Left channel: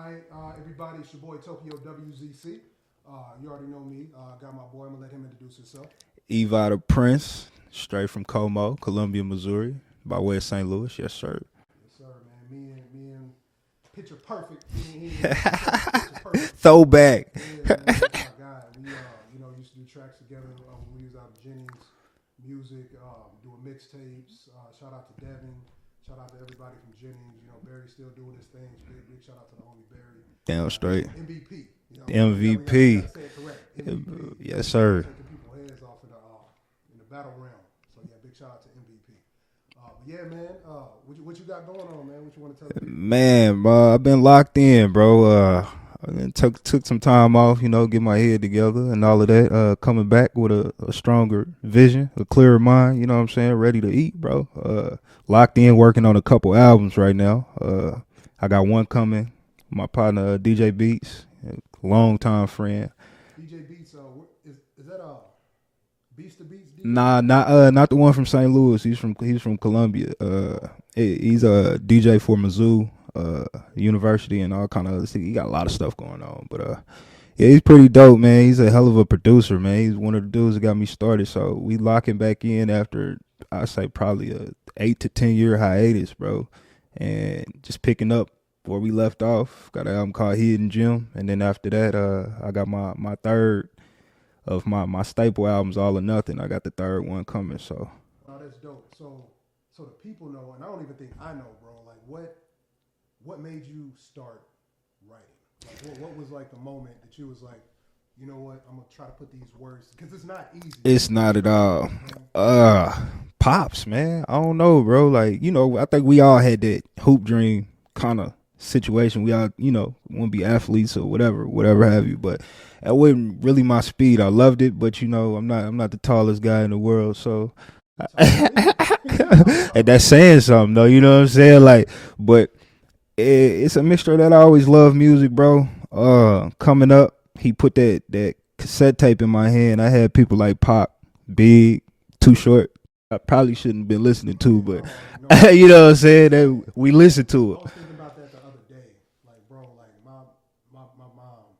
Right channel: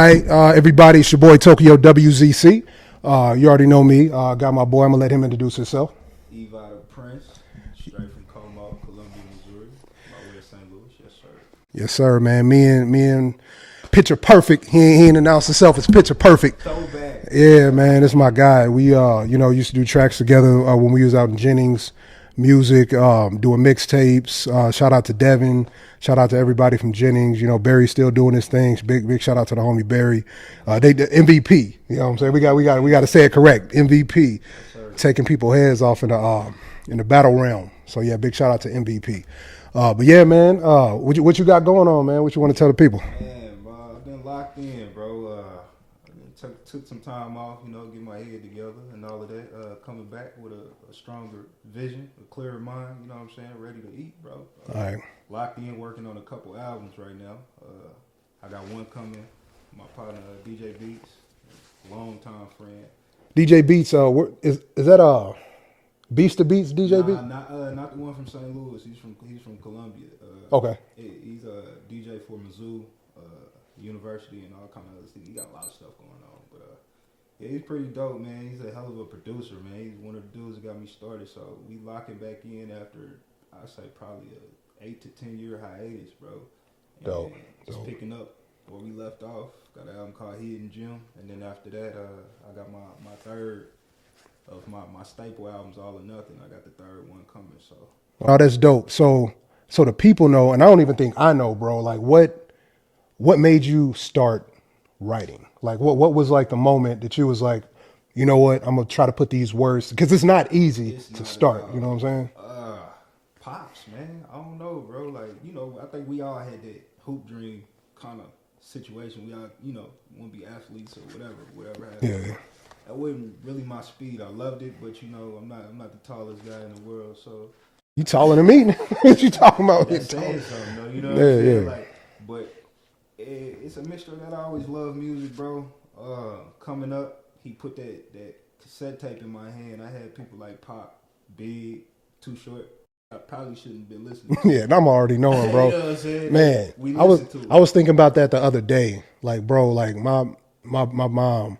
right, everybody, it's your boy Tokyowzc. You already know me. Got my boy. I'm gonna let him introduce himself. Eva the Prince, straight from Como, Columbia, Missouri, by way of St. Louis. Yes, sir. Yes, sir, man. Me and Picture Perfect. He ain't announced himself as Picture Perfect. Throwback. Yeah, man, this is my guy. We used to do tracks together when we was out in Jennings Music, doing mixtapes. Shout out to Devin. Shout out to everybody from Jennings. You know, Barry's still doing his things. Big shout out to the homie Barry. They the MVP. You know what I'm saying? We got to say it correct. MVP. Yes, sir. Taking people's heads off in the battle realm. So yeah, big shout out to MVP. But yeah, man, what you got going on, man? What you want to tell the people? Man, I've been locked in, bro. I took some time off, get my head together and all of that. Coming back with a stronger vision, a clearer mind, you know what I'm saying? Ready to eat, bro. Right. Locked in, working on a couple albums right now. I got one coming. My partner, DJ Beats, longtime friend. DJ Beats, is that Beats to Beats DJ? Nah, not the one from St. Louis. He's from Columbia. Okay. He's a DJ for Mizzou University and all kind of other stuff. He got a lot of stuff going on, but yeah, he's pretty dope, man. He's a hell of a producer, man. He's one of the dudes that got me started. So we locking back in after I say probably a 8 to 10 year hiatus, bro, and just picking up where we left off. Got an album called Hidden Gem, and then after that, I got my third of my staple albums, All or Nothing. I got the third one coming. So that's dope. So the people know, and I don't even think I know, bro. Like what made you start writing? Like what was like the moment that you was like, you know what, I'm gonna try to put these words, because it's not easy. It's not at all. You know what I'm saying? Pops, man. I don't know, bro. Like, I think we all had that hoop dream kind of situation. We all, want to be athletes or whatever have you. But that wasn't really my speed. I loved it, but I'm not the tallest guy in the world. So you taller than me? What you talking about? And that's saying something, though. You know what I'm saying? Yeah. Like, but it's a mixture that I always loved music, bro. Coming up, he put that cassette tape in my hand. I had people like Pop, Big, Too Short. I probably shouldn't have been listening to it. Yeah, I'm already knowing. You know what I'm saying? Man, we listened to it. I was thinking about that the other day. Like, bro, like my mom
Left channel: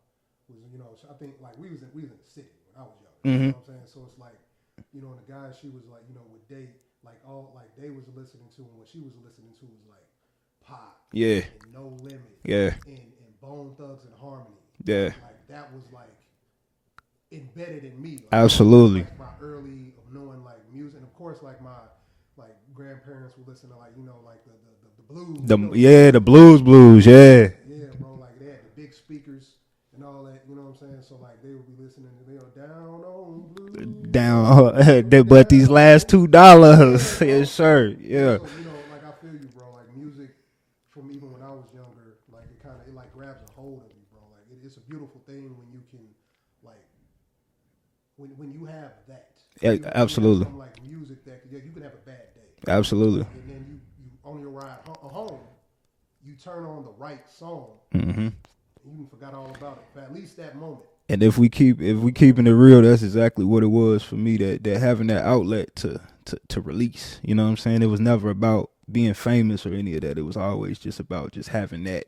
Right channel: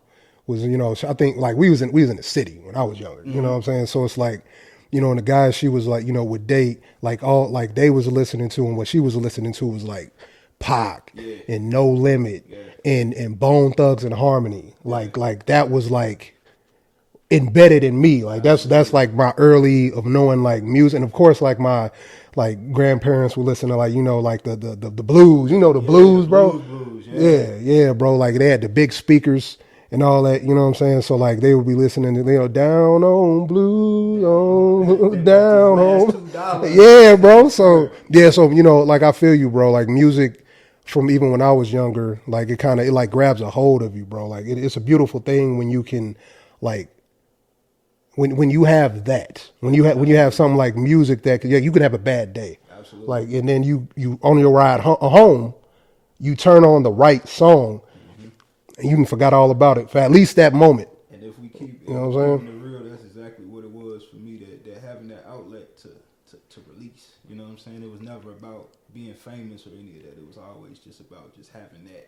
was, I think like we was in the city when I was younger. Mm-hmm. You know what I'm saying? So it's like, and the guys she was like, would date, like all like they was listening to, and what she was listening to was like Pac, yeah, and No Limit, yeah, and Bone Thugs and Harmony. Yeah. Like that was like embedded in me. Like that's like my early of knowing like music, and of course like my like grandparents would listen to like like the blues, the blues, yeah, bro. Like they had the big speakers and all that, you know what I'm saying? So like they would be listening to down on blues, but these last $2, yeah, bro. So yeah, so like I feel you, bro. Like music from even when I was younger, like it like grabs a hold of you, bro. Like it's a beautiful thing when you can like. When you have that, when you have something like music that you can have a bad day, absolutely. Like, and then you on your ride home, you turn on the right song, mm-hmm. and you can forget all about it for at least that moment. And if we keeping it real, that's exactly what it was for me. That having that outlet to release. You know what I'm saying? It was never about being famous or any of that. It was always just about just having that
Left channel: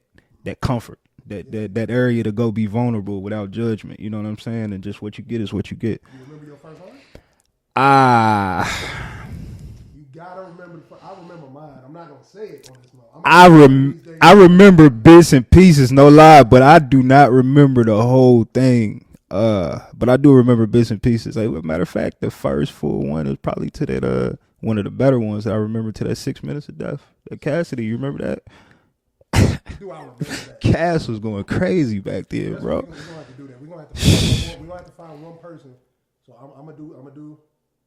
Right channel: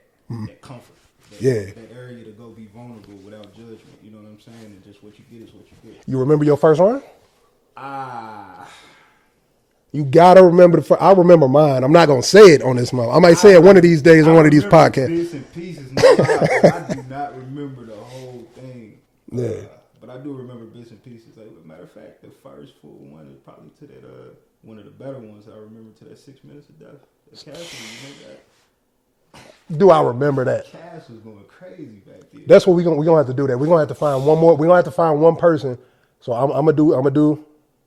comfort. That area to go be vulnerable without judgment. You know what I'm saying? And just what you get is what you get. You remember your first rhyme? You gotta remember I remember mine. I'm not gonna say it on this month. I might say it one of these days. I remember bits and pieces, no lie, but I do not remember the whole thing. But I do remember bits and pieces. Like, matter of fact, the first full one is probably to that one of the better ones that I remember, to that 6 Minutes of Death. That Cassidy, you remember that? Do I remember that? Cass was going crazy back then. That's what we're gonna have to do. That we're gonna have to find one more. We're gonna have to find one person. So I'm gonna do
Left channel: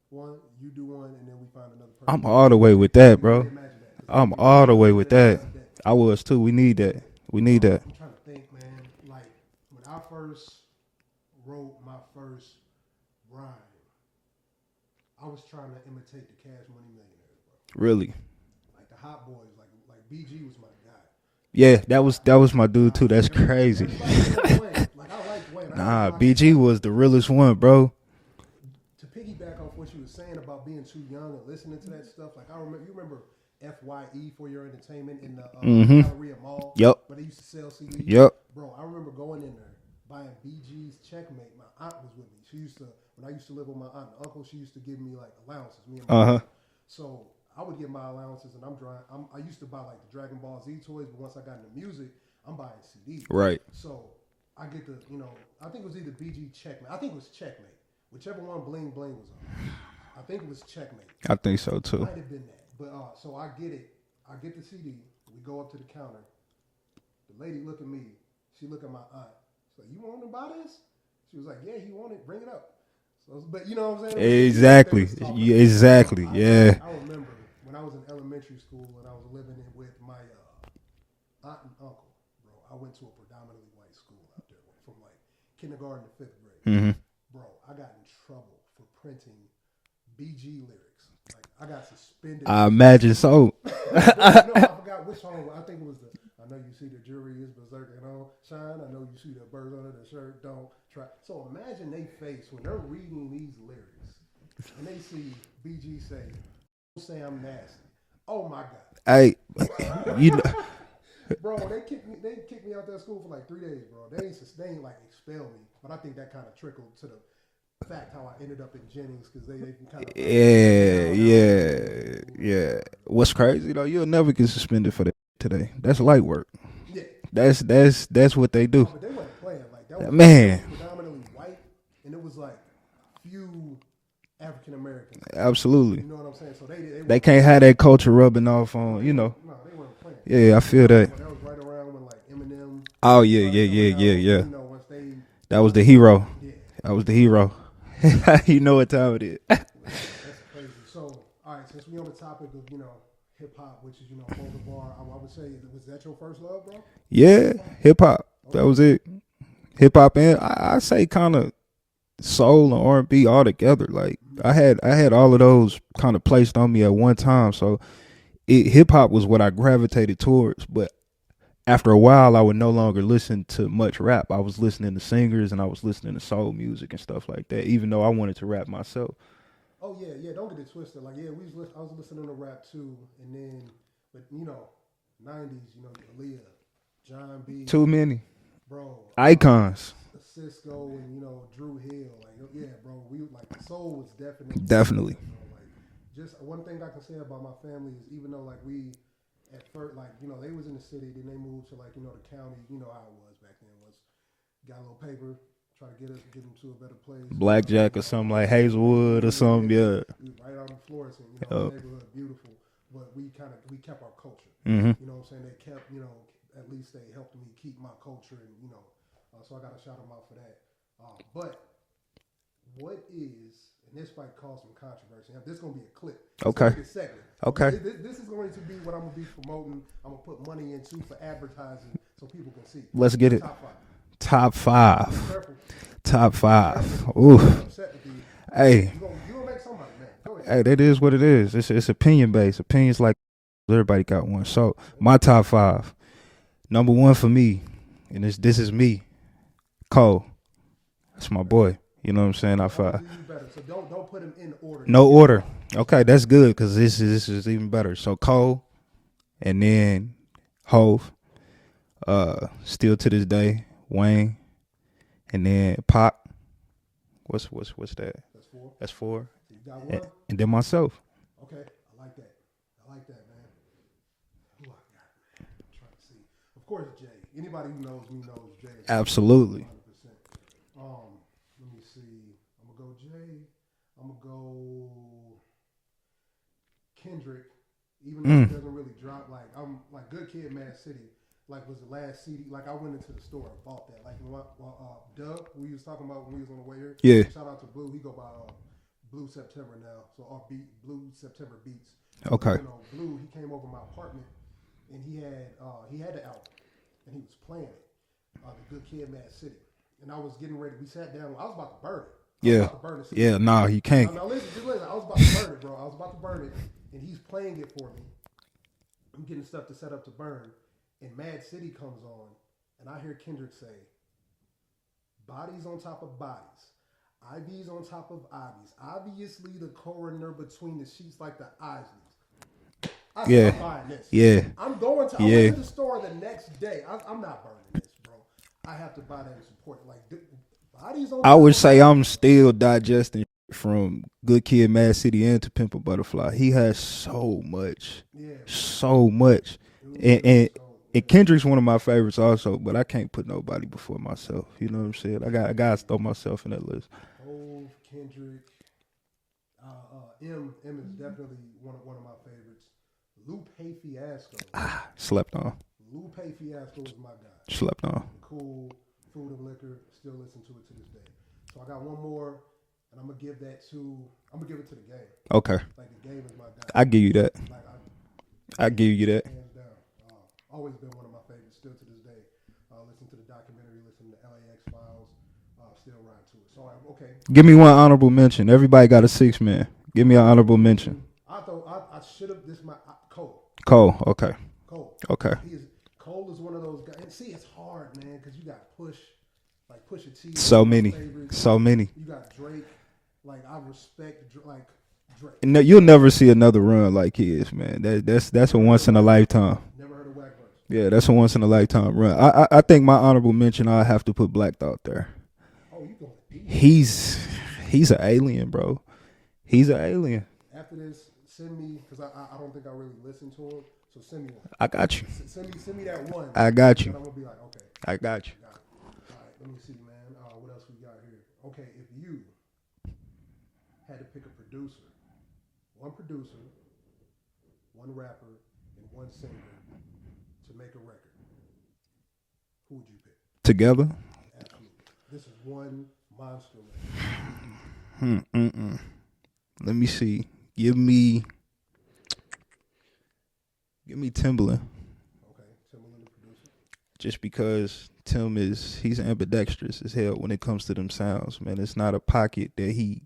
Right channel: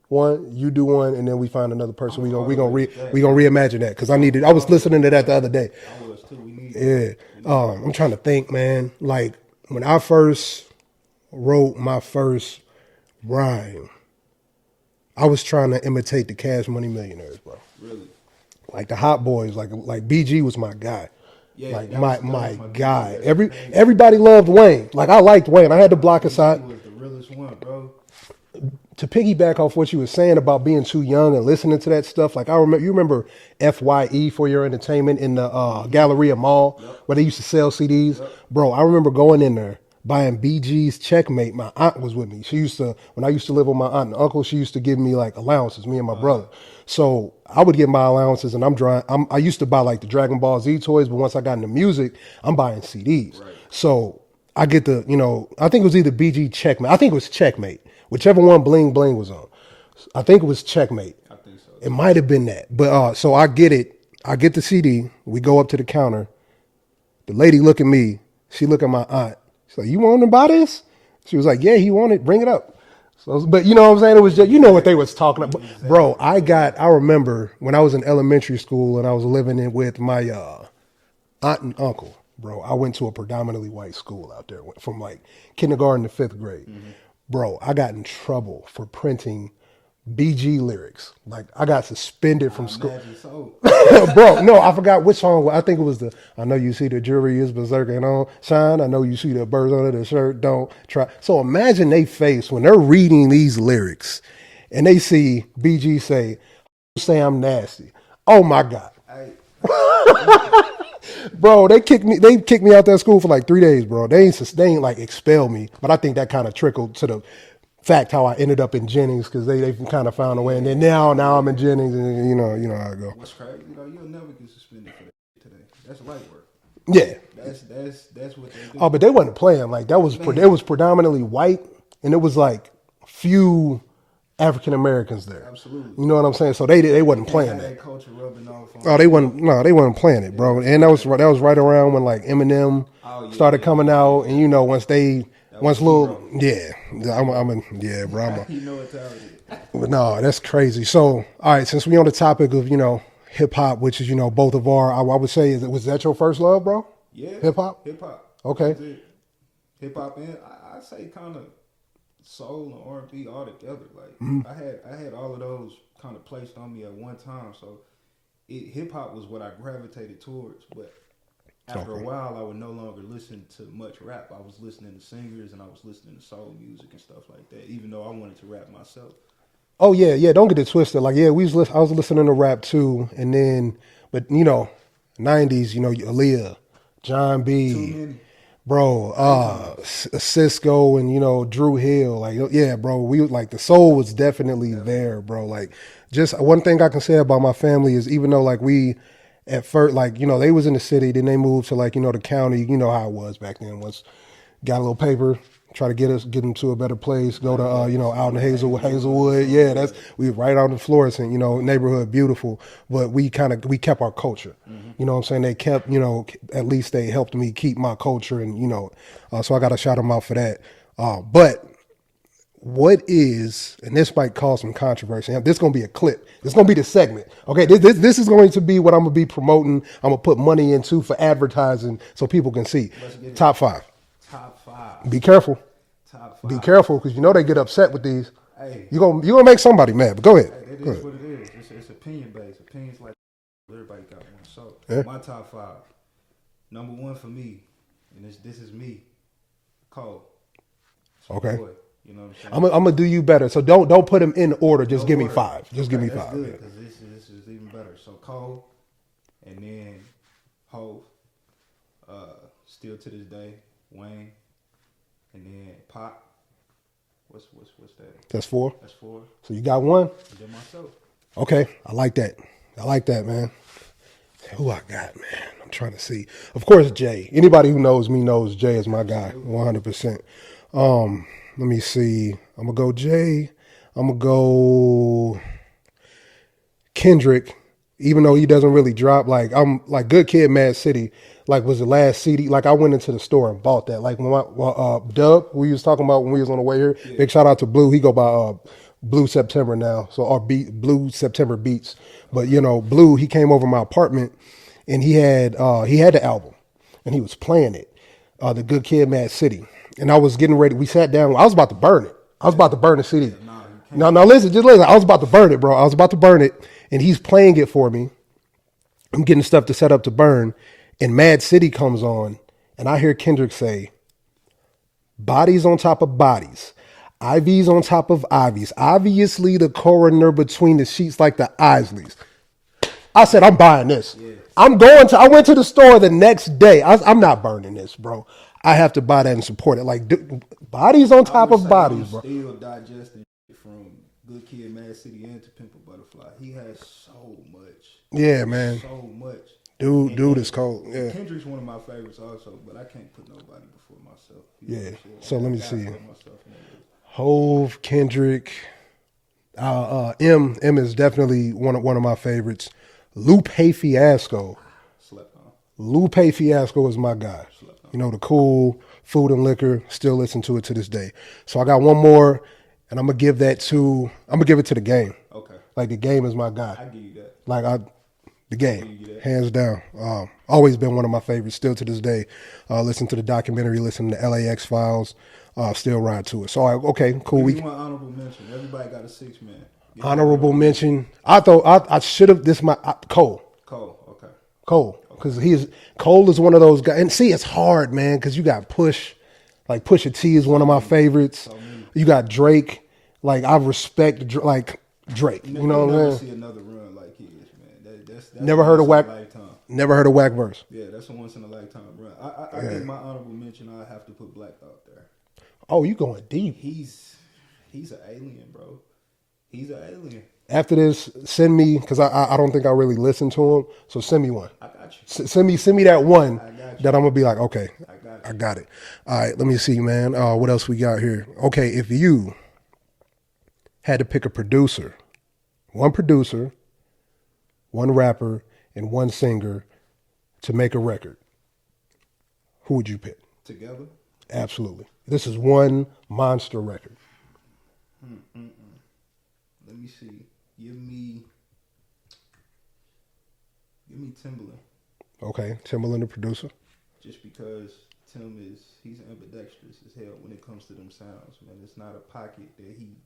one. You do one, and then we find another person. I'm all the way with that. We're gonna reimagine that because I was listening to that the other day. I was too. We need that. Yeah, we need that. I'm trying to think, man. Like when I first wrote my first rhyme, I was trying to imitate the Cash Money Millionaires, bro. Really? Like the Hot Boys. Like BG was my guy. Yeah, like that was my dude too. That's crazy. Everybody loved Wayne. Like I liked Wayne. I had to block BG aside. was the realest one, bro. to piggyback off what you were saying about being too young and listening to that stuff, like you remember FYE for Your Entertainment in the Galleria Mall, Yep. where they used to sell CDs. Yep. Bro, I remember going in there buying BG's Checkmate. My aunt was with me. She used to, when I used to live with my aunt and uncle, she used to give me like allowances, me and my brother. So I would get my allowances, and I used to buy like the Dragon Ball Z toys, but once I got into music, I'm buying CDs. Right. So I get the, I think it was either BG Checkmate. I think it was Checkmate, whichever one Bling Bling was on. I think it was Checkmate. I think so too. It might have been that. But so I get it. I get the CD. We go up to the counter. The lady look at me. She look at my aunt. She's like, "You want to buy this?" She was like, "Yeah, he wanted. Bring it up." So, but you know what I'm saying? It was just, you know what they was talking about. Exactly. Bro, I remember when I was in elementary school and I was living with my aunt and uncle. Bro, I went to a predominantly white school out there from like kindergarten to 5th grade. Bro, I got in trouble for printing BG lyrics. Like, I got suspended. I imagine so. Bro, no, I forgot which song. I think it was I know you see the jury is berserking on shine. I know you see the birds under the shirt. Don't try. So imagine they face when they're reading these lyrics and they see BG say I'm nasty. Oh my God. Hey, bro, they kicked me out that school for like 3 days, bro. They ain't like expel me, but I think that kind of trickled to the fact how I ended up in Jennings, because they kind of found a way. And now I'm in Jennings, and you know how I go. What's crazy though, you'll never get suspended for that today. That's light work. Yeah, that's what they do. Oh, but they wasn't playing like that. It was predominantly white, and it was like few African Americans there. Absolutely. You know what I'm saying? So they wasn't. They can't playing. have that culture rubbing off on. Oh, they wasn't. No, they wasn't playing it, bro. Yeah, And that was right around when like Eminem started coming out, and you know once they. That was the hero. Yeah. That was the hero. Yeah, bro. You know what time it is. But no, that's crazy. So, all right, since we on the topic of, hip hop, which is, both of I would say, was that your first love, bro? Yeah. Hip hop. Okay. That was it. Hip hop, and I say kind of soul and R&B all together. Like I had all of those kind of placed on me at one time. So hip hop was what I gravitated towards, but after a while, I would no longer listen to much rap. I was listening to singers and I was listening to soul music and stuff like that, even though I wanted to rap myself. Oh, yeah. Don't get it twisted. Like, yeah, I was listening to rap too. And then, but, 90s, Aaliyah, John B. Too many. Bro. Icons. Cisco and, Drew Hill. Like, yeah, bro, we like the soul was definitely there, bro. Like, just one thing I can say about my family is even though like we, at first, like, they was in the city, then they moved to like, the county, you know how it was back then. Once got a little paper, try to get them to a better place. Blackjack, out in like Hazelwood. Yeah, we right out in Florissant, neighborhood, beautiful. But we kept our culture. You know what I'm saying? They kept, at least they helped me keep my culture, and so I got to shout them out for that. But what is, and this might cause some controversy. This is going to be a clip. It's going to be the segment. Okay. This is going to be what I'm going to be promoting. I'm going to put money into for advertising so people can see. Let's get it. Top 5. Top 5. Be careful. Top 5. Be careful, because they get upset with these. Hey. You're gonna make somebody mad, but go ahead. Hey, that is what it is. It's opinion based. Opinions like everybody got one. So my top 5. Number 1 for me, and this is me, Cole. That's my boy. You know what I'm saying? I'm gonna do you better. So don't put them in order. Just no give order. Me 5. Just okay, that's 5. Good, because this is even better. So Cole, and then Hove, still to this day, Wayne, and then Pop. What's that? That's 4. That's 4. So you got 1, and then myself. Okay, I like that, man. Who I got, man? I'm trying to see. Of course, Jay. Anybody who knows me knows Jay is my guy. 100%. Let me see. I'm going to go Jay. I'm going to go Kendrick, even though he doesn't really drop. Like, I'm like Good Kid, Mad City, like was the last CD. Like, I went into the store and bought that. Like, when Dub, we was talking about when we was on the way here. Yeah. Big shout out to Blue. He go by Blue September now. So, our Blue September Beats. Okay. But, Blue, he came over my apartment and he had the album and he was playing it, the Good Kid, Mad City. And I was getting ready. We sat down. I was about to burn it. I was about to burn the CD. Yeah, nah, you can't. No, listen, just listen. I was about to burn it, bro. I was about to burn it, and he's playing it for me. I'm getting stuff to set up to burn, and Mad City comes on, and I hear Kendrick say, "Bodies on top of bodies. Ivies on top of Ivies. Obviously, the coroner between the sheets like the Isleys. I said, Yeah. I'm buying this. Yeah. I went Yeah. to the store the next day. I'm not burning this, bro. I have to buy that and support it. Like, bodies on I top would of say bodies, I'm bro. still digesting from Good Kid, Mad City, and To Pimp a Butterfly. He has so much. Yeah, man. So much. Dude is cold. Yeah. And Kendrick's one of my favorites also, but I can't put nobody before myself. You know what I'm saying? So let I me got to see. throw myself in that list. Hove, Kendrick, M is definitely one of my favorites. Lupe Fiasco. Slept on. Lupe Fiasco is my guy. Slept on. You know, the cool Food and Liquor. Still listen to it to this day. So I got one more, and I'm gonna give it to The Game. Okay. Like, The Game is my guy. I give you that. Like, The Game. I give you that. Hands down. Always been one of my favorites. Still to this day. Listen to the documentary. Listen to LAX Files. Still ride to it. So okay, cool. Give me one honorable mention. Everybody got a 6-man. Give me an honorable mention. I thought I should have. Cole. Cole. Okay. Cole. Okay. 'Cause Cole is one of those guys. And see, it's hard, man, because you got Push. Like, Pusha T is So one of many. my favorites. So many. You got Drake. Like, I respect Drake. No, You know you'll what never I'm see another run like his, man. That's Never a heard once of in a Whack- lifetime. Never heard of Whack Verse. Yeah, that's a once in a lifetime run. I think my honorable mention, I have to put Black Thought there. Oh, you going deep. He's an alien, bro. He's an alien. After this, send me, because I don't think I really listened to him. So send me one. I got you. Send me that one. I got you. That I'm gonna be like, okay, I got I you. got it. All right, let me see, man. What else we got here? Okay, if you had to pick one producer, one rapper, and one singer to make a record, who would you pick? Together? Absolutely. This is one monster record. Let me see. Give me Timbaland. Okay, Timbaland, the producer. Just because Tim he's ambidextrous as hell when it comes to them sounds, man. It's not a pocket that he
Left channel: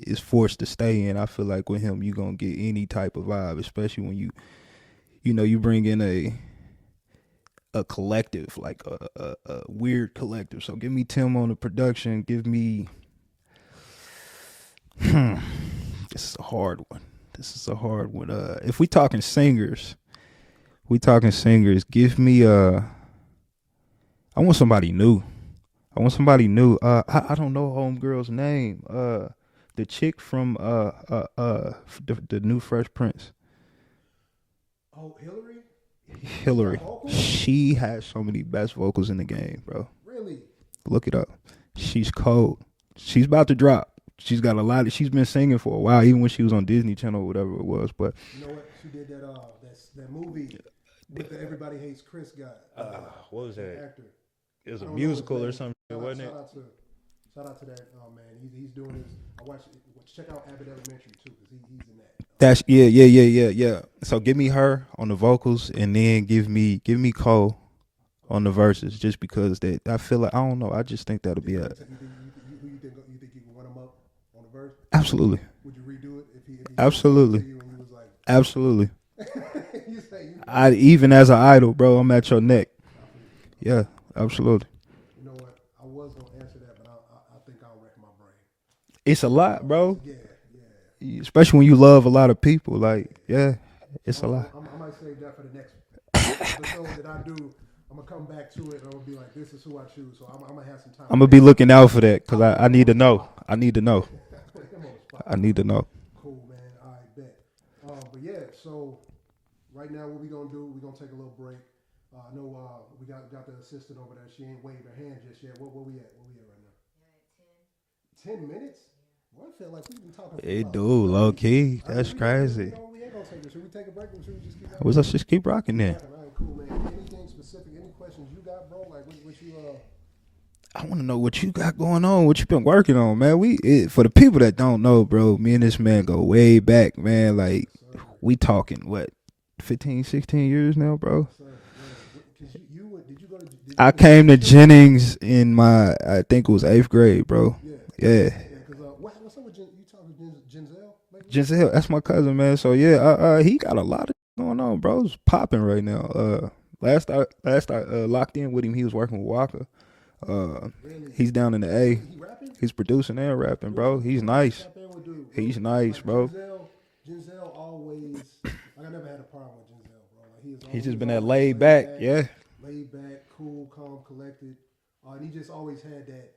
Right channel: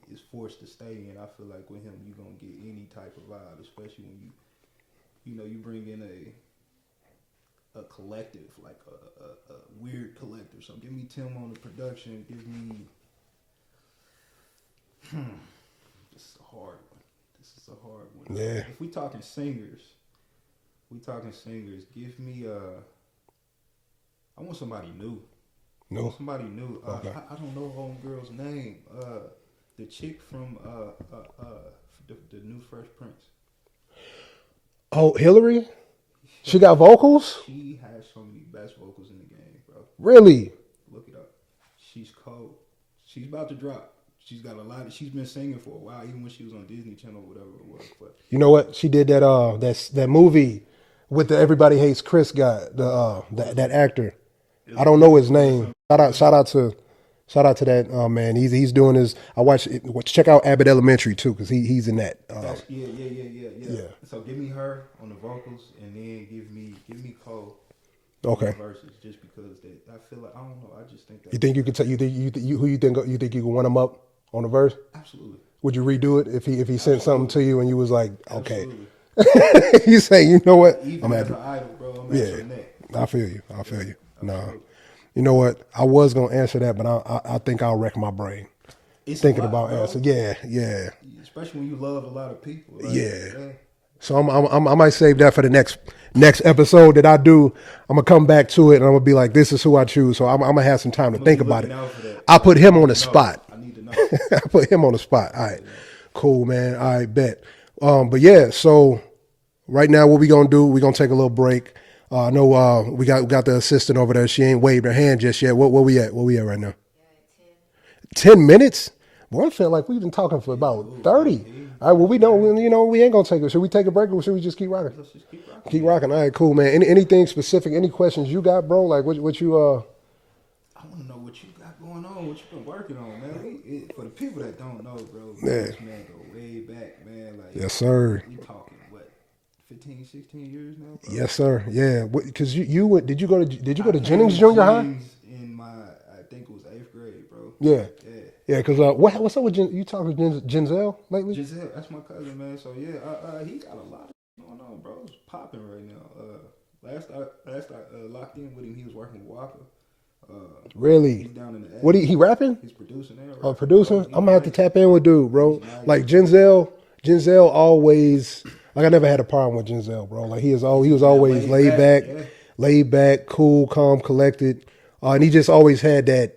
is forced to stay in. I feel like with him, you're gonna get any type of vibe, especially when you bring in a collective, like a weird collective. So give me Tim on the production. Give me this is a hard one. If we talking singers, give me I want somebody new. I don't know homegirl's name. The chick from the new Fresh Prince. Oh, Hillary? She got vocals? She has so many best vocals in the game, bro. Really? Look it up. She's cold. She's about to drop. She's got a lot. She's been singing for a while, even when she was on Disney Channel or whatever it was. But you know what? She did that movie with the Everybody Hates Chris guy, that actor. I don't know his name. Shout out to that man. He's doing his. I watch it. Check out Abbott Elementary too, because he's in that. That's yeah. So give me her on the vocals, and then give me Cole on the verses, just because that I feel like I don't know. I just think that You think you could who you think you could one him up on the verse? Absolutely. Would you redo it if he sent Absolutely. something to you and you was like, okay. Absolutely. You say, you know what? Even as an idol, bro, I'm at your neck. I feel you. I feel you. Absolutely. You know what? I was gonna answer that, but I think I'll wreck my brain. It's a lot, bro. Yeah. Especially when you love a lot of people. Like, yeah. So I might save that for the next episode that I do. I'm gonna come back to it and I'm gonna be like, this is who I choose. So I'm gonna have some time. I'm gonna be looking out for that. I put him on the spot. I need to know. I put him on the spot. I need to know. Cool, man. I bet. But yeah, so right now what we gonna do? We gonna take a little break. I know we got the assistant over there. She ain't waved her hand just yet. Where we at? Where we at right now? 10 minutes? Boy, I feel like we've been talking for about 30. Okay. All right, well, we ain't gonna take it. Should we take a break or should we just keep rocking? Let's just keep rocking. Keep rocking. All right, cool, man. Anything specific? Any questions you got, bro? Like what you I want to know what you got going on, what you been working on, man. For the people that don't know, bro, me and this man go way back, man. Like, yes, sir. We talking what, 15, 16 years now, bro? Yes, sir. Yeah, because you went. Did you go to? I came to Jennings in my, I think it was 8th grade, bro. Yeah. Because what's up with you talking to Genzel lately? Genzel, that's my cousin, man. So yeah, he got a lot of going on, bro. It's popping right now. Last I locked in with him, he was working with Walker. Really? He's down in the A. What he rapping? He's producing and rapping, Producer? bro. He's I'm gonna have to tap in with dude, bro. He's nice, like bro. Denzel always like I never had a problem with Denzel, bro. Like he was always laid back, cool, calm, collected, and he just always had that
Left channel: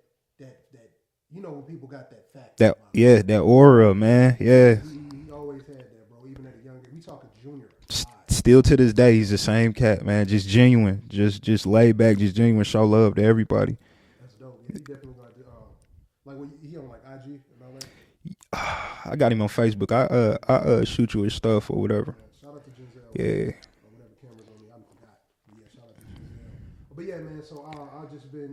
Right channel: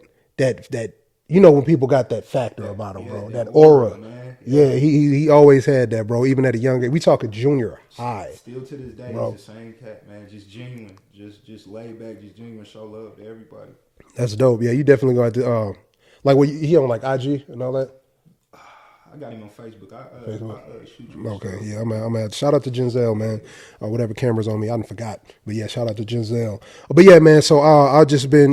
when people got that factor about him. Yeah, bro. that aura, man. Yeah, he always had that, bro. Even at a young age, we talking junior high. Still to this day, he's the same cat, man. Just genuine, just laid back, just genuine, show love to everybody. That's dope. Yeah, you definitely going to like he on like IG and all that. I got him on Facebook. I shoot you his stuff. Yeah, I'm at shout out to Denzel, man. Whatever camera's on me, I forgot. But yeah, shout out to Denzel. But yeah, man. So I've just been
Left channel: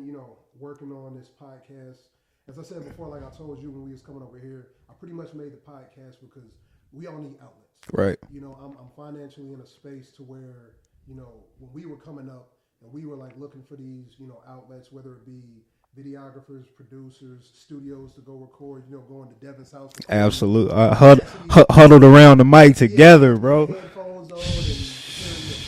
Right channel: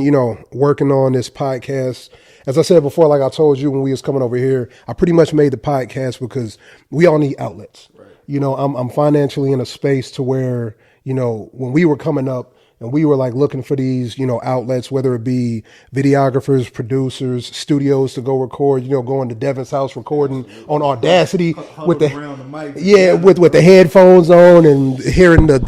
working on this podcast. As I said before, like I told you when we was coming over here, I pretty much made the podcast because we all need outlets. Right. I'm financially in a space to where when we were coming up. And we were like looking for these, outlets, whether it be videographers, producers, studios to go record, going to Devin's house recording Absolutely. on Audacity. Huddled around the mic together. With the headphones on and hearing the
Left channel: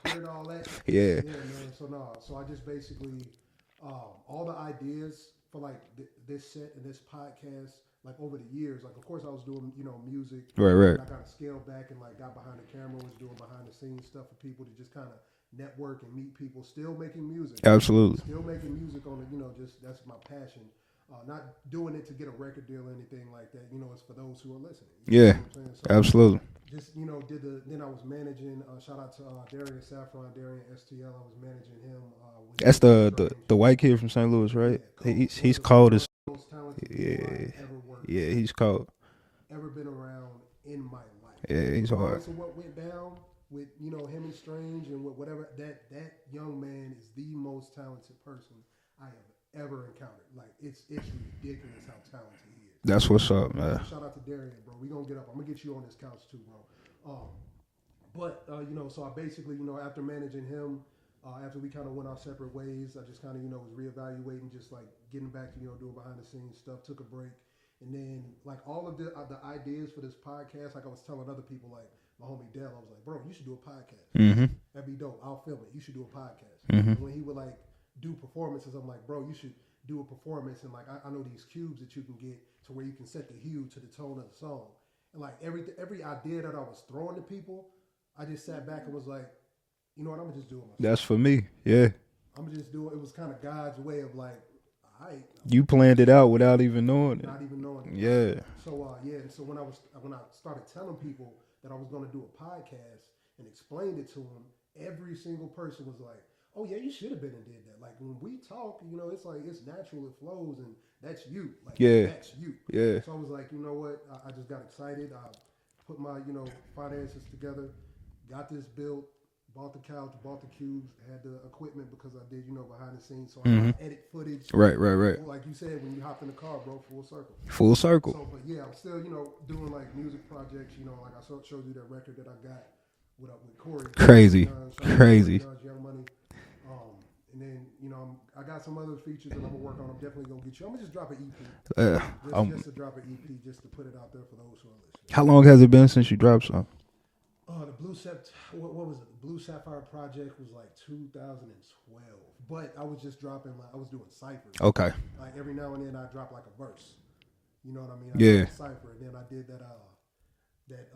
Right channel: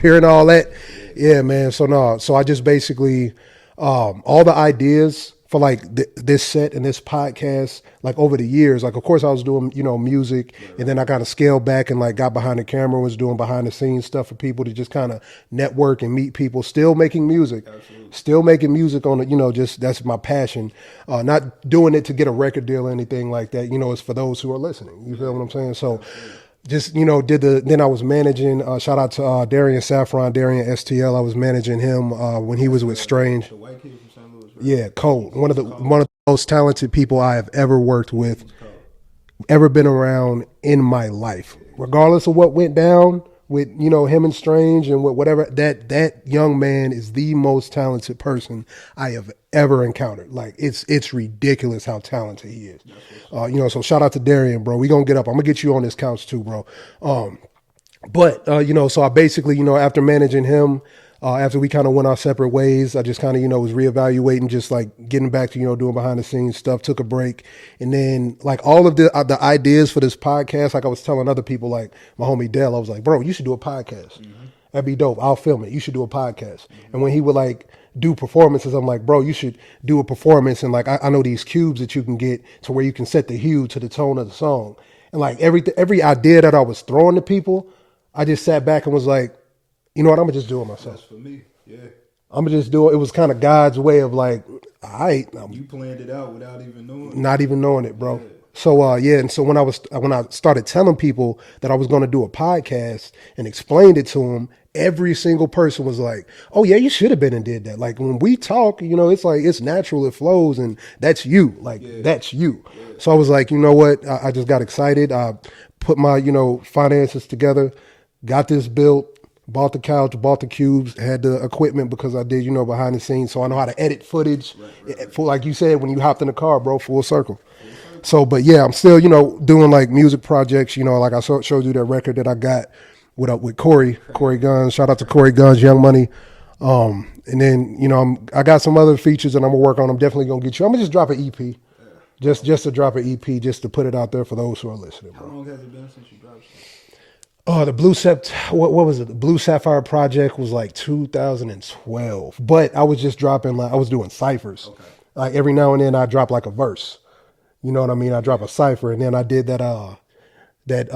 hearing all that. Yeah, man. So I just basically, all the ideas for like this set and this podcast, like over the years, like of course I was doing, music, and then I kind of scaled back and like got behind the camera, was doing behind the scenes stuff for people to just kind of network and meet people, still making music. Absolutely. Still making music on it, just that's my passion. Not doing it to get a record deal or anything like that, it's for those who are listening. You know what I'm saying? So absolutely. Just, then I was managing, shout out to Darian Saffron, Darian STL. I was managing him when he was with Strange. The white kid from St. Louis, right? Yeah, cold. One of the most talented people I have ever worked with. He's cold. Ever been around in my life. Regardless of what went down with, him and Strange and whatever, that young man is the most talented person I have ever encountered. Like it's ridiculous how talented he is. That's what's up. So shout out to Darian, bro. We gonna get up. I'm gonna get you on this couch too, bro. So I basically, after managing him, after we kind of went our separate ways, I just kind of, was reevaluating, just like getting back to, doing behind the scenes stuff, took a break. And then like all of the ideas for this podcast, like I was telling other people, like my homie Dell, I was like, bro, you should do a podcast. Mm-hmm. That'd be dope. I'll film it. You should do a podcast. Mm-hmm. And when he would like do performances, I'm like, bro, you should do a performance. And like, I know these cubes that you can get to where you can set the hue to the tone of the song. And like every idea that I was throwing to people, I just sat back and was like, you know what? I'm gonna just do it myself. That's for me. Yeah. I'm gonna just do it. It was kind of God's way of like, all right. You planned it out without even knowing it. Not even knowing it, bro. Yeah. So and so when I started telling people that I was gonna do a podcast and explained it to them, every single person was like, oh yeah, you should have been and did that. Like when we talk, it's like it's natural, it flows, and that's you. Like that's you. Yeah. So I was like, you know what? I just got excited. I put my, finances together, got this built. Bought the couch, bought the cubes, had the equipment because I did, behind the scenes. So I know how to edit footage. Right. Like you said, when you hopped in the car, bro, full circle. Full circle. So, but yeah, I'm still, doing like music projects, like I showed you that record that I got with Corey. Crazy. Corey Guns. Shout out to Corey Guns, Young Money. And then, I got some other features that I'm going to work on. I'm definitely going to get you. I'm going to just drop an EP. Just to drop an EP, just to put it out there for those who are listening. How long has it been since you dropped something? Oh, the what was it? The Blue Sapphire Project was like 2012. But I was just dropping, like, I was doing ciphers. Okay. Like every now and then I drop like a verse. You know what I mean? I drop a cipher. And then I did that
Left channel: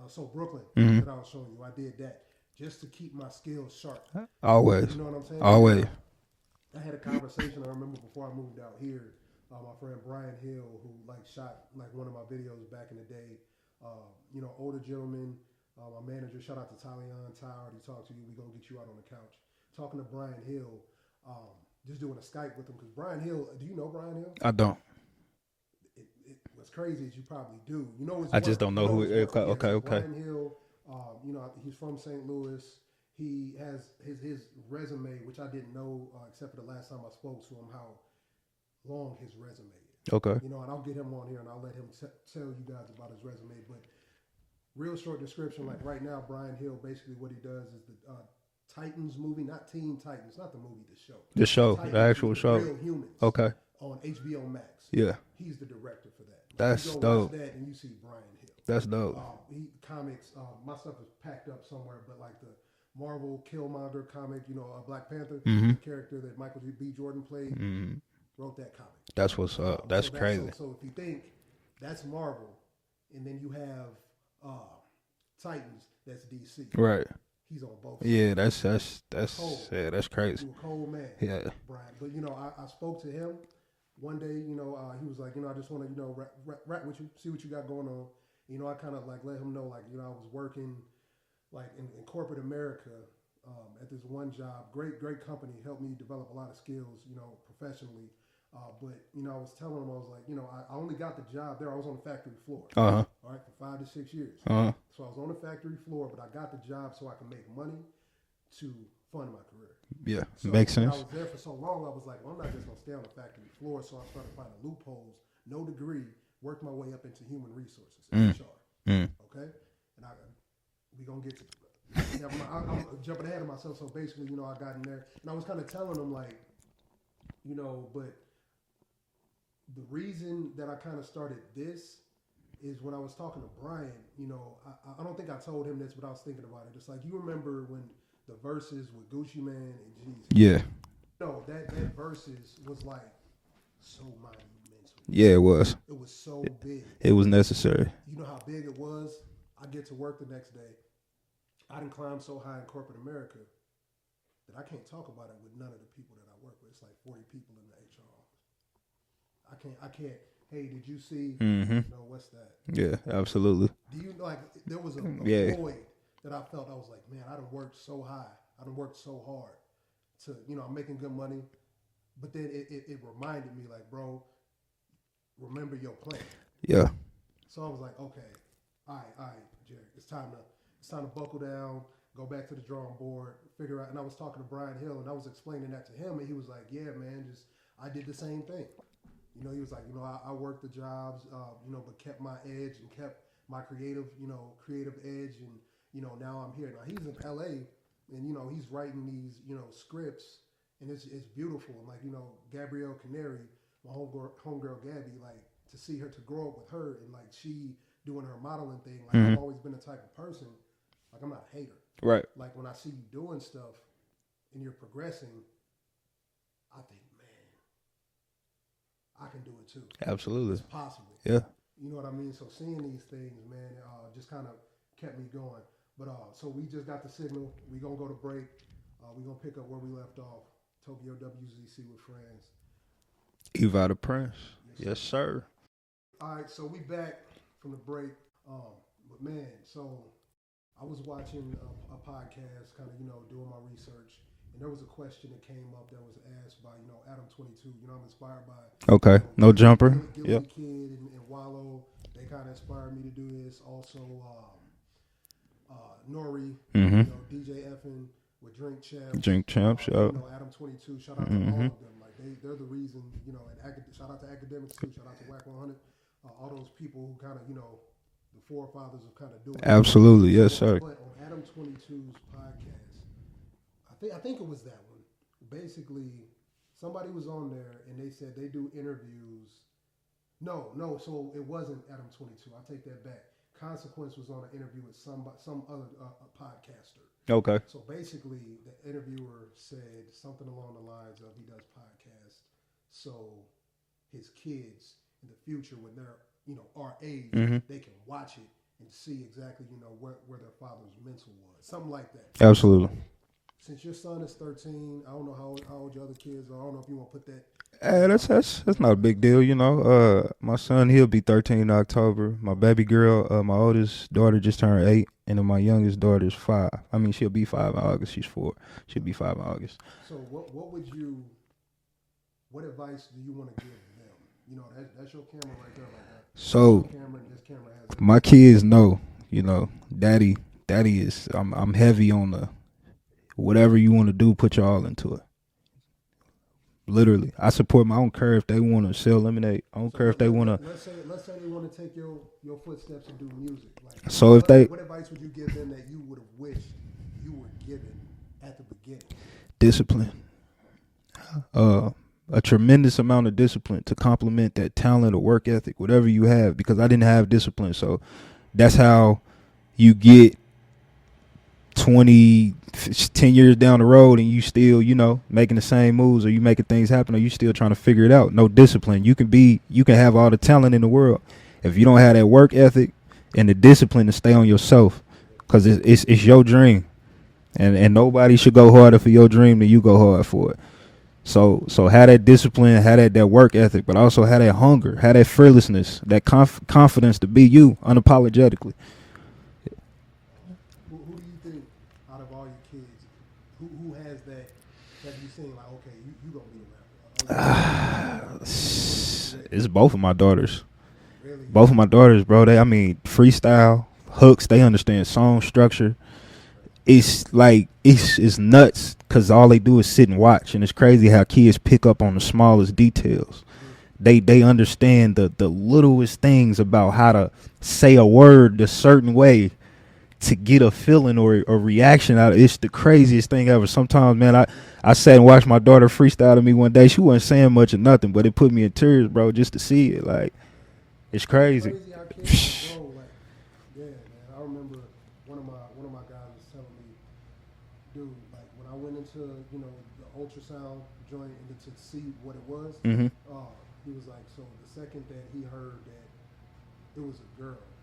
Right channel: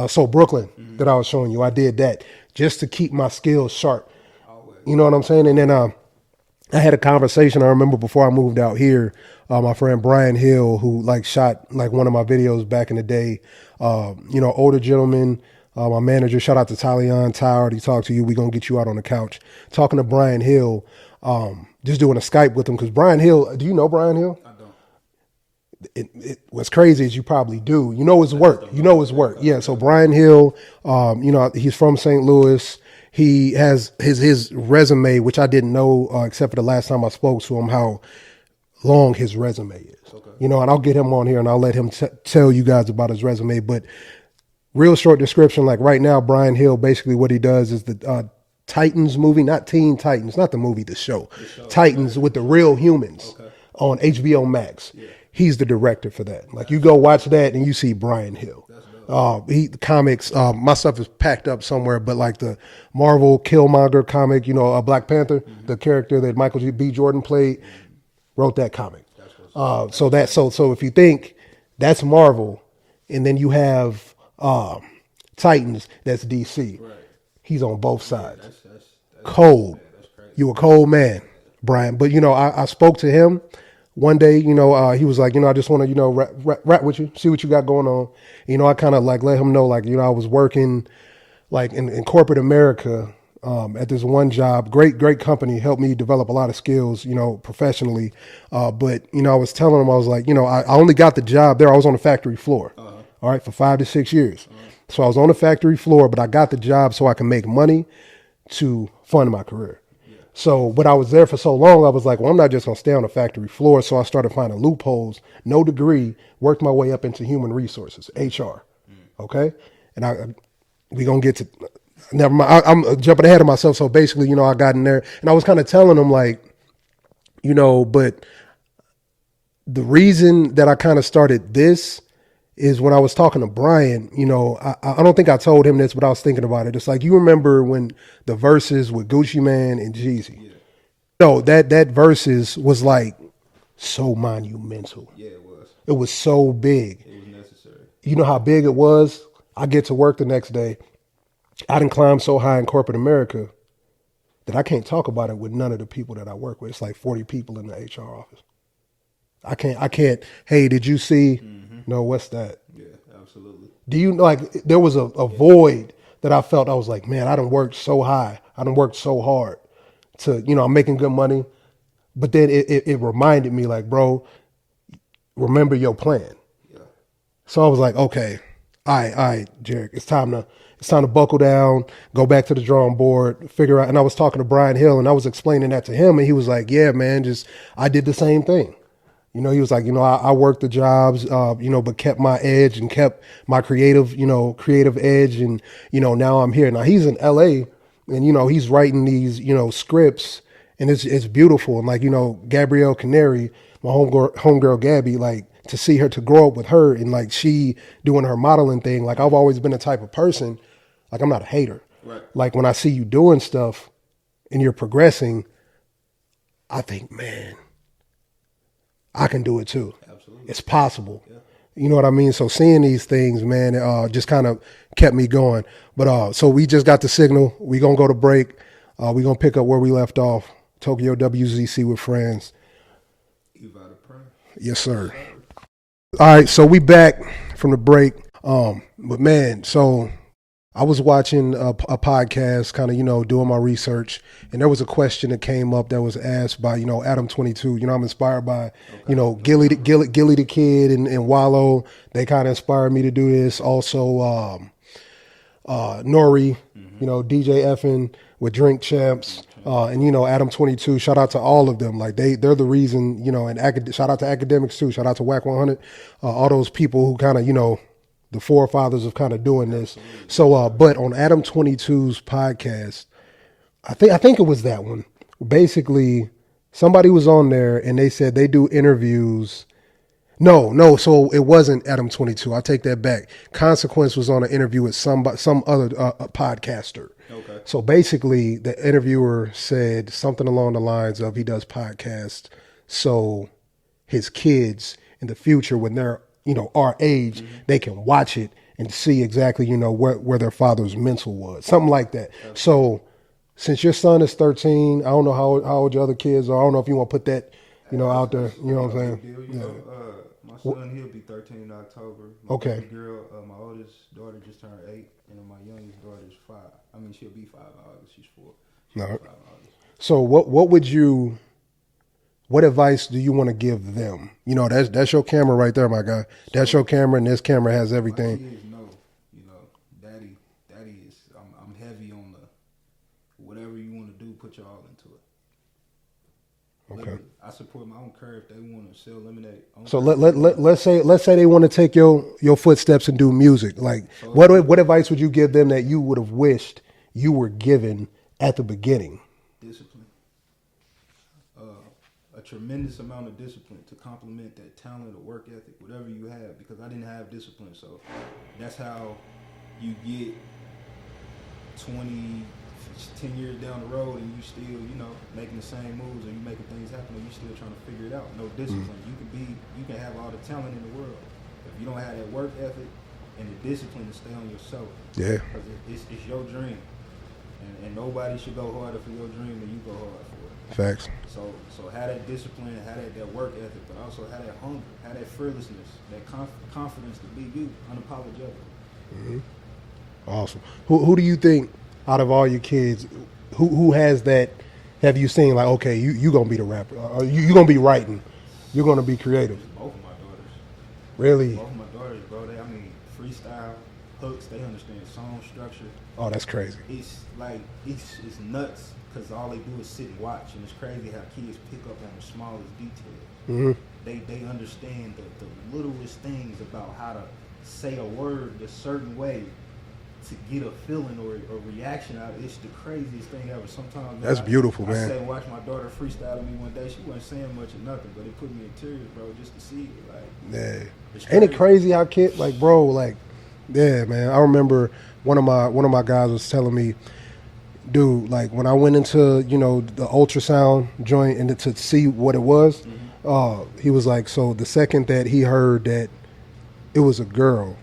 So Brooklyn that I was showing you. I did that just to keep my skills sharp. Always. You know what I'm saying? And then I had a conversation, I remember before I moved out here, my friend Brian Hill, who like shot like one of my videos back in the day, older gentleman. My manager, shout out to Talion Tower. He talked to you. We're going to get you out on the couch. Talking to Brian Hill, just doing a Skype with him. Because Brian Hill, do you know Brian Hill? I don't. What's crazy is you probably do. You know his work. You know his work. Yeah, so Brian Hill, he's from St. Louis. He has his resume, which I didn't know except for the last time I spoke to him, how long his resume is. Okay. And I'll get him on here and I'll let him tell you guys about his resume. But real short description, like right now, Brian Hill, basically what he does is the Titans movie, not Teen Titans, not the movie, the show. The show. Titans The with the show. real humans. Okay. On HBO Max. Yeah. He's the director for that. Like, That's you go watch dope. that and you see Brian Hill. That's dope. The comics, my stuff is packed up somewhere, but like the Marvel Killmonger comic, Black Panther, the character that Michael B. Jordan played, wrote that comic. That's what's up. So if you think that's Marvel, and then you have Titans, that's DC. Right. He's on both sides. Yeah, that's cold. Yeah, that's crazy. You a cold man, Yeah. Brian. But I spoke to him one day. He was like, I just want to rap with you, see what you got going on. I kind of like let him know, like, I was working like in corporate America at this one job. Great company, helped me develop a lot of skills, professionally. But I was telling him, I was like, I only got the job there. I was on the factory floor. All right, for 5 to 6 years. So I was on the factory floor, but I got the job so I can make money to fund my career. Yeah. So, but I was there for so long, I was like, well, I'm not just going to stay on the factory floor. So I started finding loopholes, no degree, worked my way up into human resources, HR. Okay. And we going to get to, never mind. I'm jumping ahead of myself. So basically, I got in there and I was kind of telling them like, but the reason that I kind of started this is when I was talking to Brian, I don't think I told him this, but I was thinking about it. It's like, you remember when the verses with Gucci Mane and Jeezy? Yeah. No, that verses was like so monumental. Yeah, it was. It was so big. It was necessary. You know how big it was? I get to work the next day. I done climbed so high in corporate America that I can't talk about it with none of the people that I work with. It's like 40 people in the HR office. I can't, hey, did you see? No, what's that? Yeah, absolutely. Do you like, there was a void that I felt. I was like, man, I done worked so high. I done worked so hard to, I'm making good money. But then it reminded me like, bro, remember your plan. Yeah. So I was like, okay, all right, Jarek, it's time to buckle down, go back to the drawing board, figure out. And I was talking to Brian Hill and I was explaining that to him. And he was like, yeah, man, I did the same thing. He was like, I worked the jobs, but kept my edge and kept my creative edge. And, now I'm here. Now he's in LA and, he's writing these, scripts and it's beautiful. And like, Gabrielle Canary, my homegirl Gabby, like to see her, to grow up with her and like she doing her modeling thing. Like I've always been the type of person, like I'm not a hater. Right. Like when I see you doing stuff and you're progressing, I think, man, I can do it too. Absolutely. It's possible. Yeah. You know what I mean? So seeing these things, man, just kind of kept me going. But so we just got the signal. We going to go to break. We going to pick up where we left off. Tokyowzc with friends. Eva the Prince. Yes, sir. Yes, sir. All right. So we back from the break. But man, so I was watching a podcast, kind of, doing my research, and there was a question that came up that was asked by, Adam 22. I'm inspired by, Gilly the Kid and Wallow. They kind of inspired me to do this. Also, Nori, DJ Effin with Drink Champs, and Adam 22. Shout out to all of them. Like they're the reason, and shout out to academics too. Shout out to WAC 100. All those people who kind of, the forefathers of kind of doing this. Absolutely. So, but on Adam 22's podcast, I think it was that one. Basically, somebody was on there and they said they do interviews. No. So it wasn't Adam 22. I take that back. Consequence was on an interview with some other podcaster. Okay. So basically, the interviewer said something along the lines of he does podcasts so his kids in the future, when they're our age, they can watch it and see exactly, where their father's mental was. Something like that. Absolutely. So since your son is 13, I don't know how old your other kids are. I don't know if you want to put that out there. That's not a big deal, My son, he'll be 13 in October. My baby girl, my oldest daughter just turned 8, and then my youngest daughter is 5. I mean, she'll be 5 in August. She's 4. She'll be 5 in August. So what advice do you want to give them? That's your camera right there, my guy. So that's your camera, and this camera has everything. My kids know, daddy is, I'm heavy on the, whatever you want to do, put your all into it. Literally. I support them. I don't care if they want to sell lemonade. So let's say they want to take your footsteps and do music. Like, so what advice would you give them that you would have wished you were given at the beginning? Discipline. A tremendous amount of discipline to complement that talent or work ethic, whatever you have, because I didn't have discipline. So that's how you get 10 years down the road and you still, making the same moves, or you making things happen, or you still trying to figure it out. No discipline. You can have all the talent in the world. If you don't have that work ethic and the discipline to stay on yourself, because it's your dream. And nobody should go harder for your dream than you go hard for it. Facts. So have that discipline, have that work ethic, but also have that hunger, have that fearlessness, that confidence to be you unapologetically. Mm-hmm. Awesome. Who do you think out of all your kids, who has that? Have you seen like, okay, you gonna be the rapper, or you gonna be writing, you're gonna be creative? It's both of my daughters. Really? Both of my daughters, bro. Freestyle, hooks. They understand song structure. Oh, that's crazy. It's like, it's nuts because all they do is sit and watch. And it's crazy how kids pick up on the smallest details. Mm-hmm. They understand the littlest things about how to say a word a certain way to get a feeling or a reaction out of it. It's the craziest thing ever. Sometimes, man, that's beautiful, I sat and watched my daughter freestyle to me one day. She wasn't saying much or nothing, but it put me in tears, bro, just to see it. Like, it's crazy. Ain't it crazy how kids, like, bro, like, yeah, man. I remember one of my guys was telling me, dude, like when I went into, the ultrasound joint and to see what it was, he was like, so the second that he heard that it was a girl,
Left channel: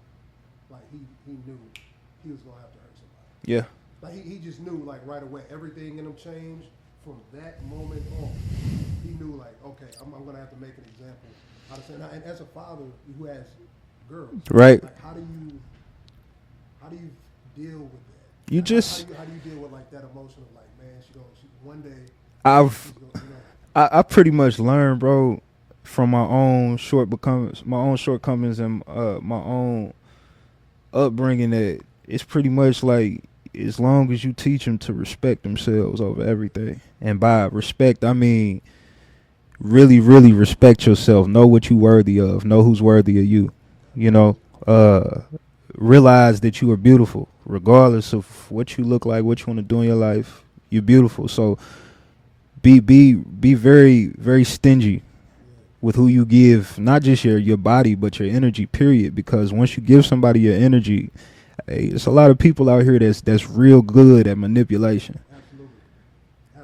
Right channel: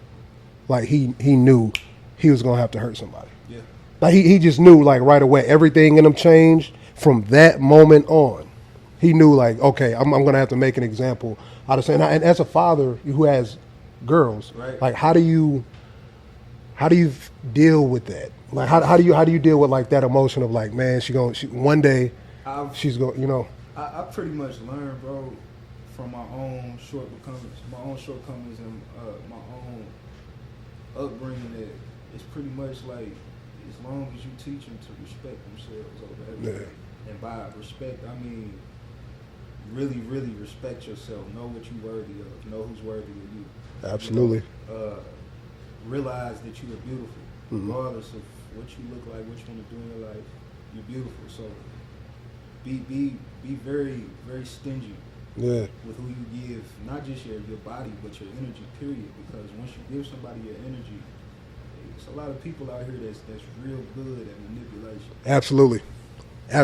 like he knew he was gonna have to hurt somebody. Yeah. Like he just knew, like, right away. Everything in him changed from that moment on. He knew, like, okay, I'm gonna have to make an example out of saying. And as a father who has girls, right? Like, how do you deal with that? Like, how do you deal with like that emotion of like, man, one day she's going, I pretty much learned, bro, from my own shortcomings and my own upbringing, that it's pretty much like, as long as you teach them to respect themselves over everything, and by respect I mean really, really respect yourself, know what you're worthy of, know who's worthy of you. Absolutely. Realize that you are beautiful, regardless of what you look like, what you want to do in your life. You're beautiful. So be very, very stingy with who you give, not just your body, but your energy, period. Because once you give somebody your energy, hey, there's a lot of people out here that's real good at manipulation. Absolutely. I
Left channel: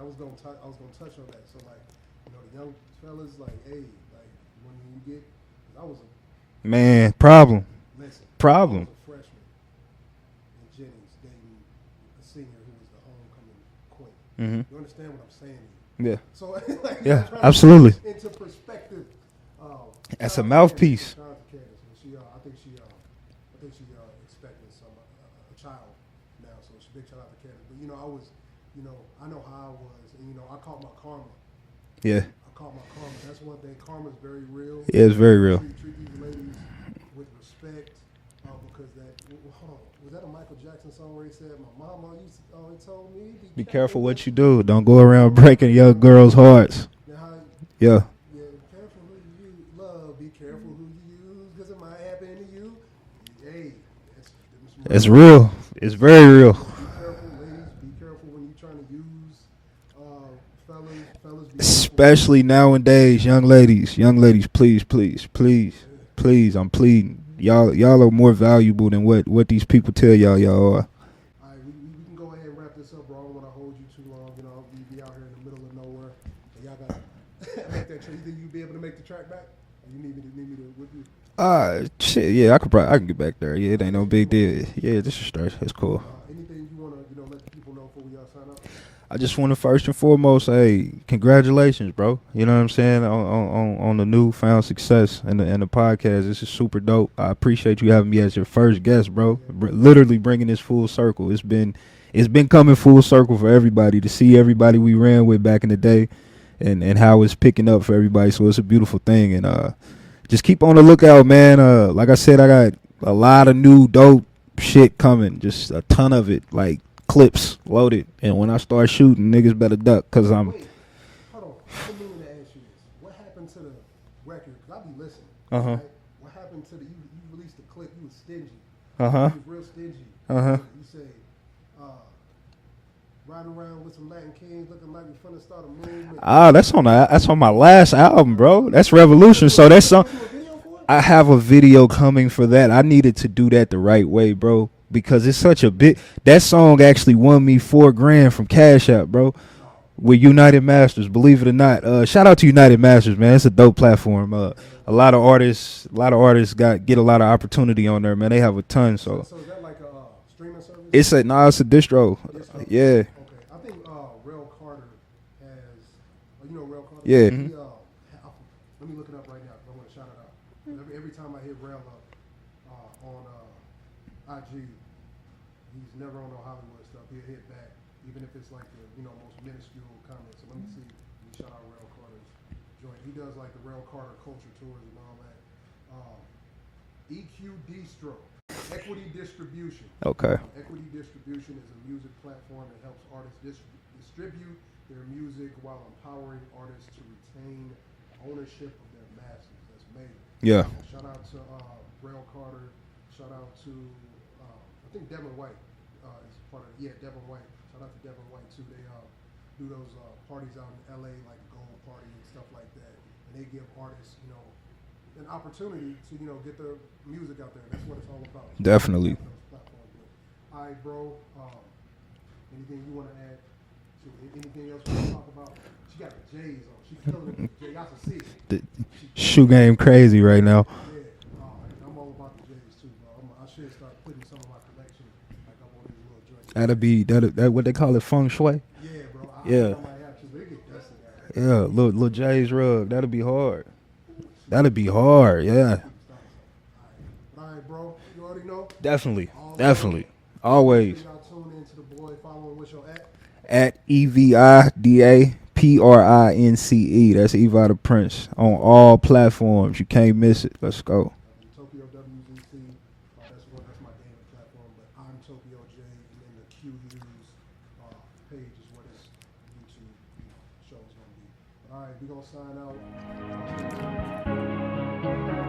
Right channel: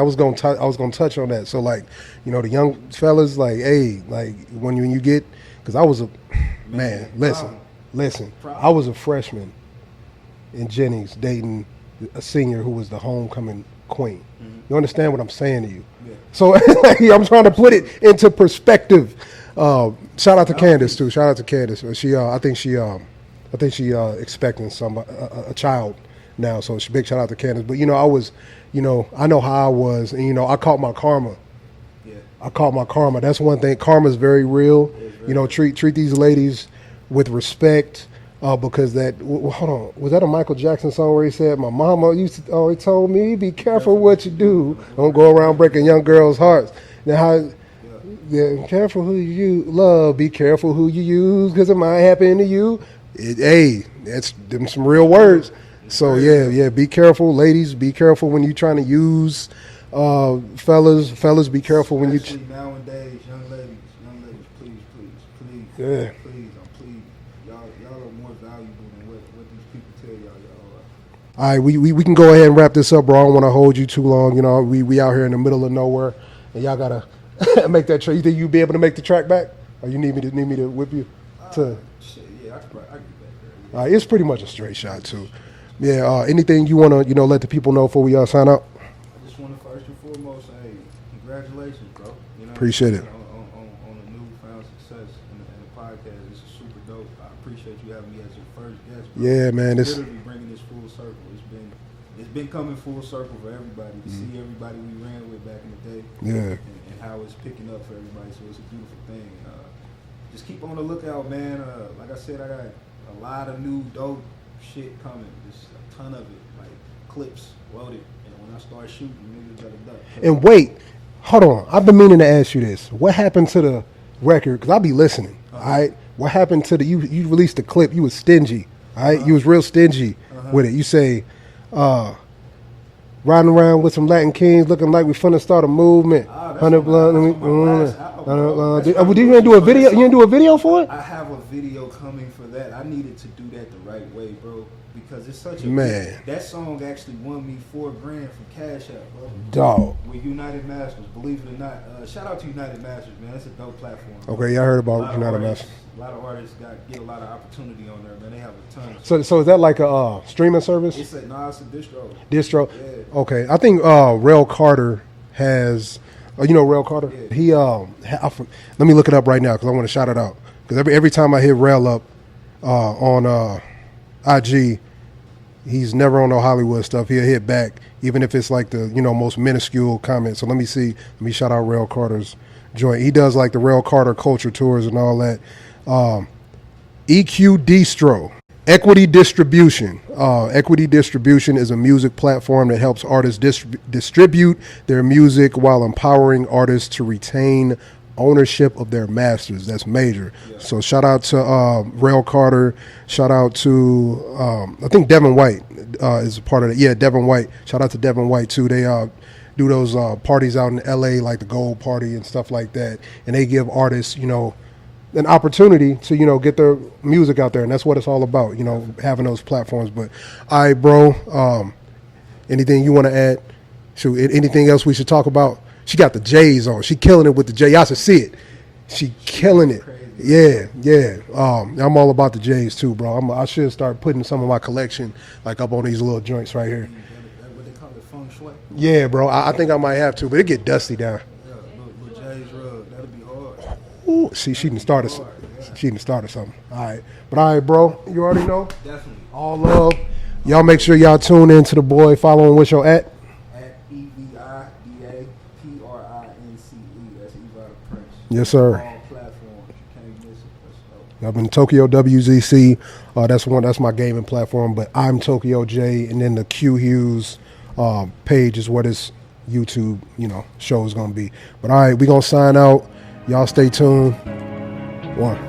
was gonna touch on that. So like, the young fellas, like, hey, like when you get, because I was a problem. Listen, problem. I was a freshman in Jennings dating a senior who was the homecoming queen. Mm-hmm. You understand what I'm saying to you? Yeah. So I'm trying to put it into perspective. Shout out to Candace too. Shout out to Candace. She, I think she expecting a child now. So big shout out to Candace. But I was, I know how I was, and I caught my karma. Yeah. I caught my karma. That's one thing. Karma is very real. Yeah, it's very real. Treat these ladies with respect, because hold on, was that a Michael Jackson song where he said, my mama always told me, be careful what you do. Don't go around breaking young girls' hearts. Now, yeah, careful who you love, be careful who you use, because it might happen to you. That's some real words. It's very real. Yeah, be careful, ladies. Be careful when you're trying to use fellas, be careful. Especially nowadays, young ladies, please, I'm pleading. Y'all are more valuable than what these people tell y'all are. All right, we can go ahead and wrap this up, bro. I don't want to hold you too long. We out here in the middle of nowhere, and y'all gotta make that track. You think you'll be able to make the track back, or you need me to whip you? Shit, yeah, I can get back there. Yeah, it's pretty much a straight shot. It's straight. It's cool. Yeah. Anything you wanna let the people know before we sign out? I just want to first and foremost say congratulations, bro. You know what Appreciate I'm saying, on the newfound success and the podcast. This is super dope. I appreciate you having me as your first guest, bro. Yeah, man. Literally bringing this full circle. It's been coming full circle for everybody, to see everybody we ran with back in the day, and how it's picking up for everybody. So it's a beautiful thing, and just keep on the lookout, man. Like I said, I got a lot of new dope shit coming, just a ton of it, like clips loaded, and when I start shooting, niggas better duck. Wait, hold on. I've been meaning to ask you this. What happened to the record? Because I'll be listening. All right. What happened to you released the clip? You was stingy. All right. You was real stingy with it. You say, riding around with some Latin Kings, looking like we finna start a movement. That's on my last album, bro. That's Revolution. So that's you didn't do a video for it? I have a video coming for that. I needed to do that the right way, bro. Because it's such a big. That song actually won me $4,000 from Cash App, bro. Dog. With United Masters, believe it or not. Shout out to United Masters, man. It's a dope platform. Okay, I heard about a lot of artists. A lot of artists get a lot of opportunity on there, man. They have a ton. So is that like a streaming service? It's a distro. Distro. Yeah. Okay, I think Rel Carter has. You know Rel Carter? Yeah. He let me look it up right now because I want to shout it out. Because every time I hit Rel up on IG. He's never on no Hollywood stuff. He'll hit back, even if it's like the most minuscule comment. So let me see. Let me shout out Rel Carter's joint. He does like the Rel Carter culture tours and all that. EQ Distro, Equity Distribution. Okay. Equity Distribution is a music platform that helps artists distribute their music while empowering artists to retain ownership of their masters. That's major. Yeah. So shout out to Rel Carter. Shout out to I think Devin White is a part of it. Yeah, Devin White. Shout out to Devin White too. They do those parties out in LA, like the Gold Party and stuff like that. And they give artists, an opportunity to, get their music out there. And that's what it's all about, Definitely. Having those platforms. But all right, bro, anything you want to add? Anything else we should talk about? She got the J's on. She killing it with the J. Y'all should see it. She killing it. Crazy right now. Yeah. I'm all about the J's too, bro. I should start putting some of my collection like up on these little joints right here. That what they call it, feng shui. Yeah, bro. I think I might have to, but it get dusty down. Yeah, little J's rub. That'll be hard. Ooh, that'll be hard. Yeah, she done started something. All right, but all right, bro. You already know. Definitely. All love. Y'all make sure y'all tune in to the boy. Follow him with your at EVIDA. PRINCE. That's Eva the Prince. Yes, on sir. all platforms. You can't miss it. Let's go. I've been Tokyowzc. That's my gaming platform. But I'm Tokyo J, and then the CuHues page is what his YouTube show is gonna be. But all right, we gonna sign out. Y'all stay tuned. One.